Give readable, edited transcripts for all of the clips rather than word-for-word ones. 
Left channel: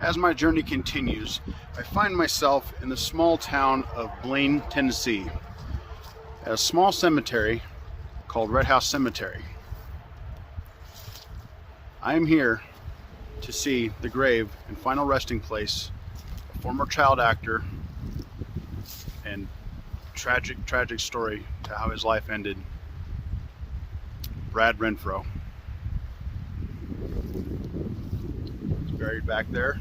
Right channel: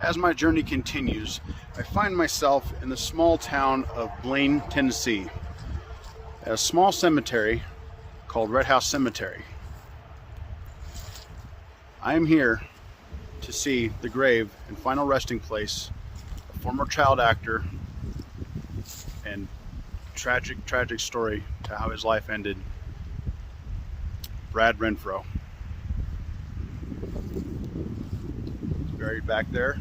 As my journey continues, I find myself in the small town of Blaine, Tennessee, at a small cemetery called Red House Cemetery. I am here to see the grave and final resting place of former child actor, and tragic story to how his life ended, Brad Renfro. He's buried back there.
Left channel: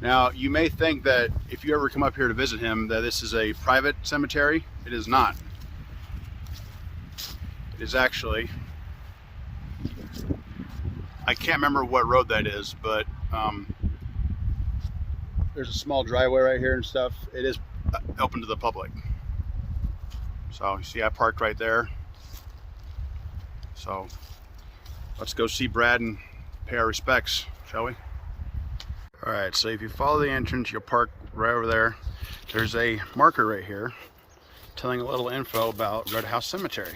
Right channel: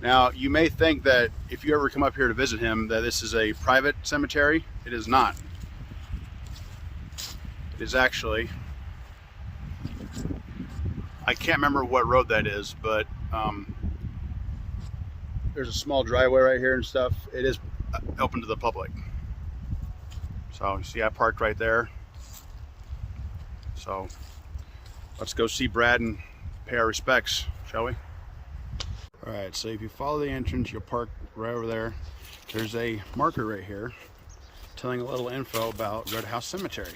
Now, you may think that if you ever come up here to visit him that this is a private cemetery. It is not. It is actually, I can't remember what road that is, but there's a small driveway right here and stuff. It is open to the public. So you see I parked right there. So let's go see Brad and pay our respects, shall we? All right, so if you follow the entrance, you'll park right over there. There's a marker right here telling a little info about Red House Cemetery.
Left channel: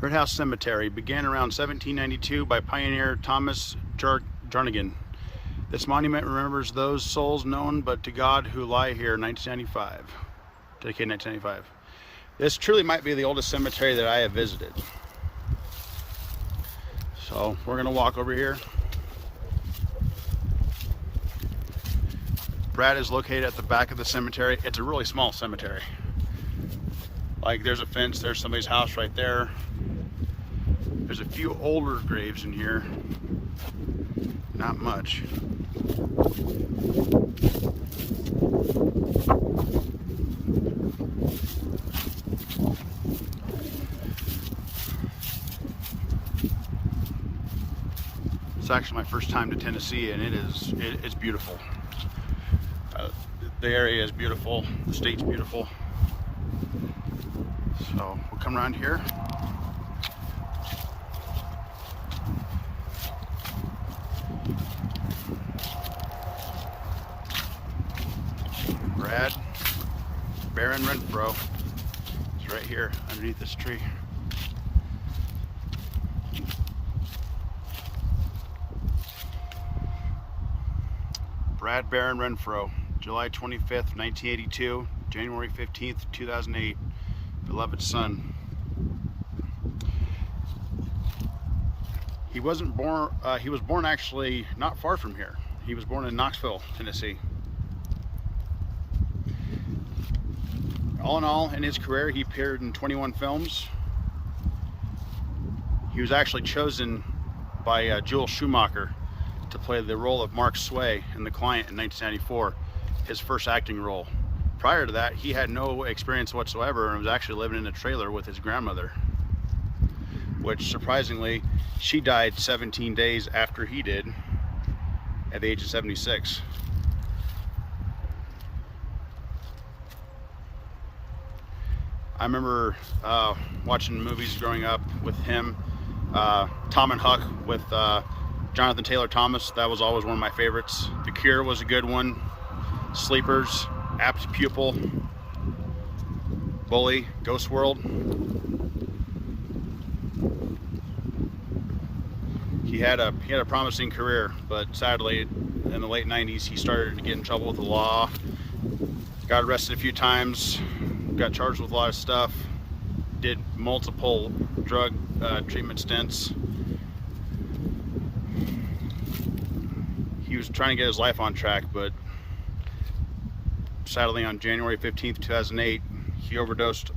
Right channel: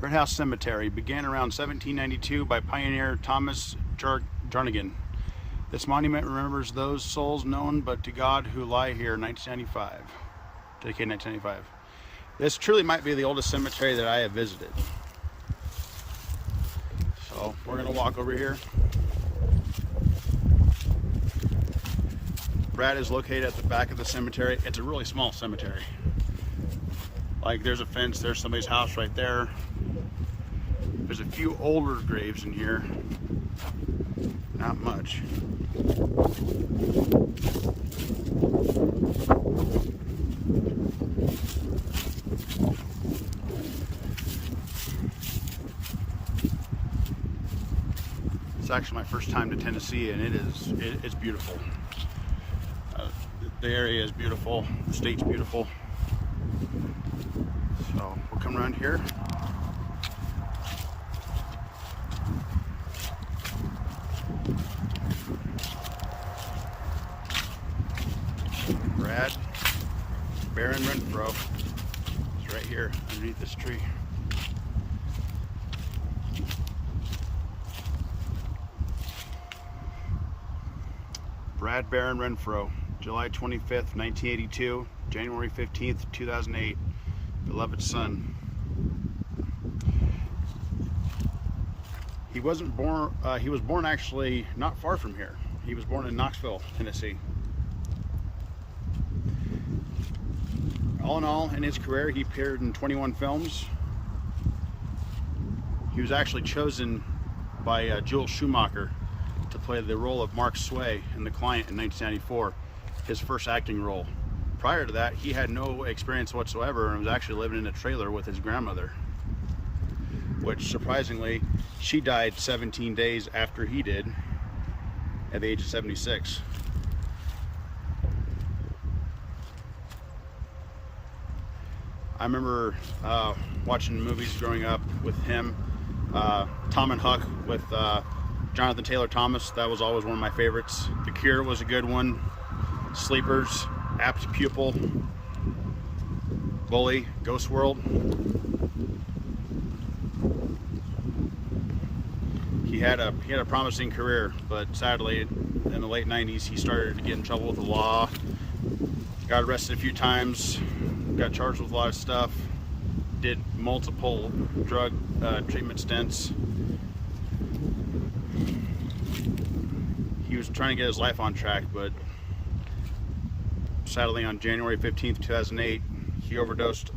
Red House Cemetery began around 1792 by pioneer Thomas Jernigan. This monument remembers those souls known but to God who lie here, 1995. Dedicated 1995. This truly might be the oldest cemetery that I have visited. So we're gonna walk over here. Brad is located at the back of the cemetery. It's a really small cemetery. Like, there's a fence, there's somebody's house right there. There's a few older graves in here. Not much. It's actually my first time to Tennessee, and it's beautiful. The area is beautiful. The state's beautiful. So we'll come around here. Brad Baron Renfro is right here underneath this tree. Brad Baron Renfro, July 25th, 1982, January 15th, 2008, beloved son. He was born actually not far from here. He was born in Knoxville, Tennessee. All in all, in his career, he appeared in 21 films. He was actually chosen by Joel Schumacher to play the role of Mark Sway in The Client in 1994, his first acting role. Prior to that, he had no experience whatsoever and was actually living in a trailer with his grandmother, which surprisingly, she died 17 days after he did at the age of 76. I remember watching movies growing up with him. Tom and Huck with Jonathan Taylor Thomas, that was always one of my favorites. The Cure was a good one. Sleepers, Apt Pupil, Bully, Ghost World. He had a promising career, but sadly in the late 90s he started to get in trouble with the law. Got arrested a few times, got charged with a lot of stuff, did multiple drug treatment stints. He was trying to get his life on track, but sadly on January 15th, 2008, he overdosed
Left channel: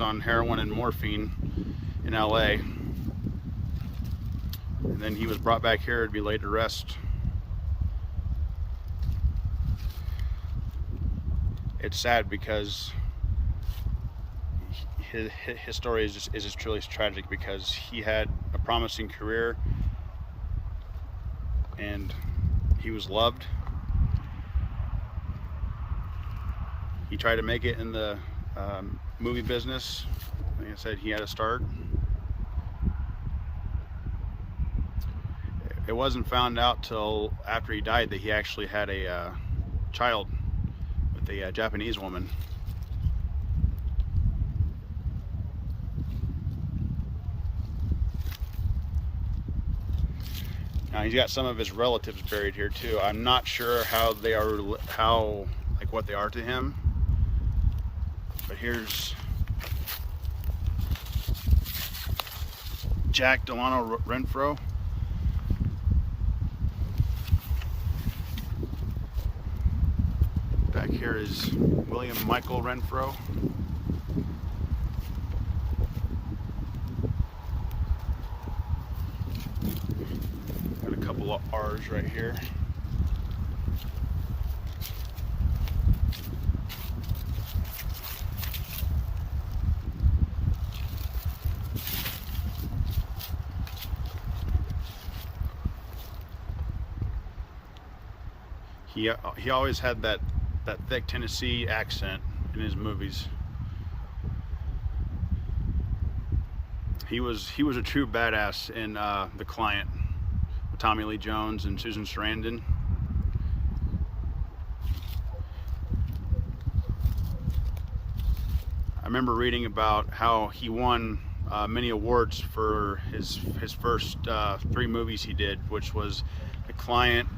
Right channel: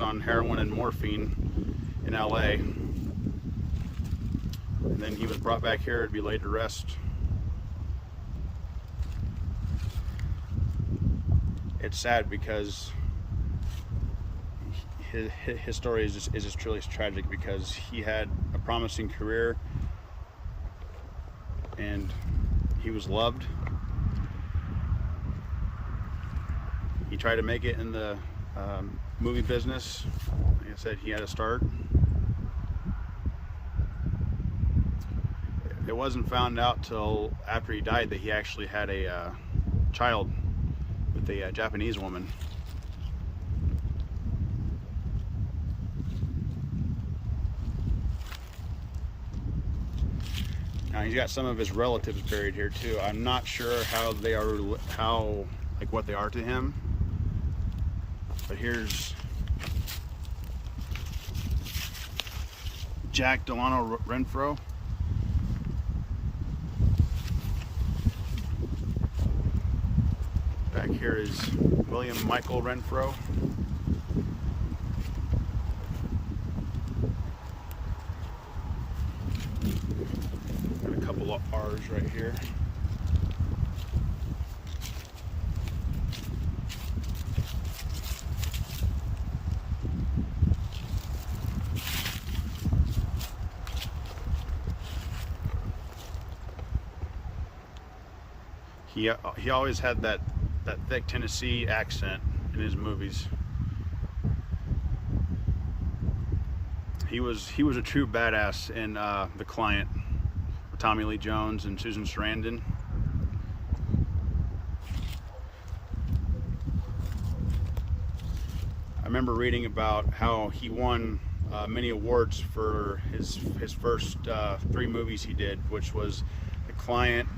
on heroin and morphine in LA. And then he was brought back here to be laid to rest. It's sad because his story is just truly tragic, because he had a promising career and he was loved. He tried to make it in the movie business. Like I said, he had to start. It wasn't found out till after he died that he actually had a child with a Japanese woman. Now he's got some of his relatives buried here too. I'm not sure how they are, like what they are to him. But here's Jack Delano Renfro. Back here is William Michael Renfro. Got a couple of R's right here. He always had that thick Tennessee accent in his movies. He was a true badass in The Client with Tommy Lee Jones and Susan Sarandon. I remember reading about how he won many awards for his first 3 movies he did, which was The Client,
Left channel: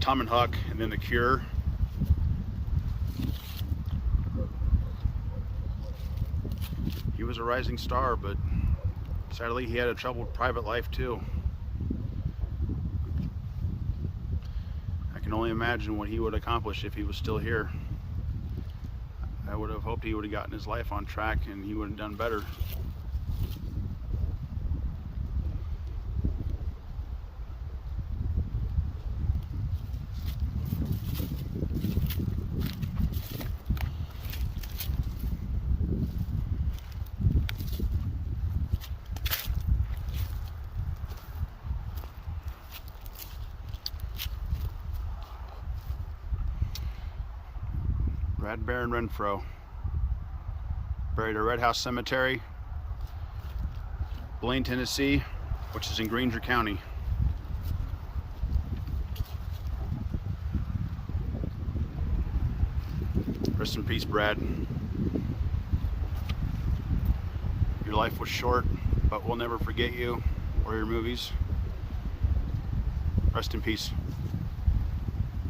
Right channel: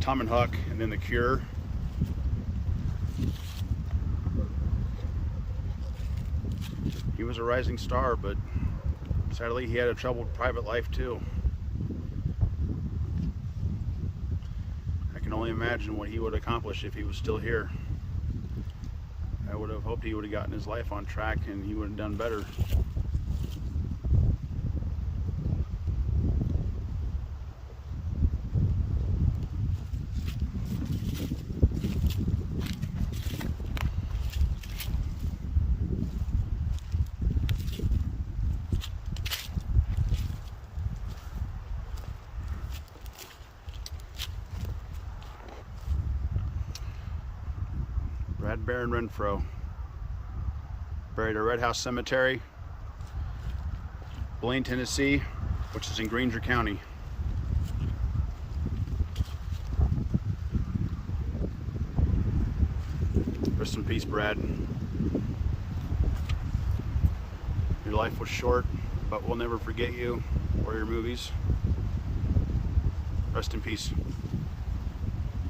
Tom and Huck, and then The Cure. He was a rising star, but sadly he had a troubled private life too. I can only imagine what he would accomplish if he was still here. I would have hoped he would have gotten his life on track and he would have done better. Brad Baron Renfro, buried at Red House Cemetery, Blaine, Tennessee, which is in Grainger County. Rest in peace, Brad. Your life was short, but we'll never forget you or your movies. Rest in peace.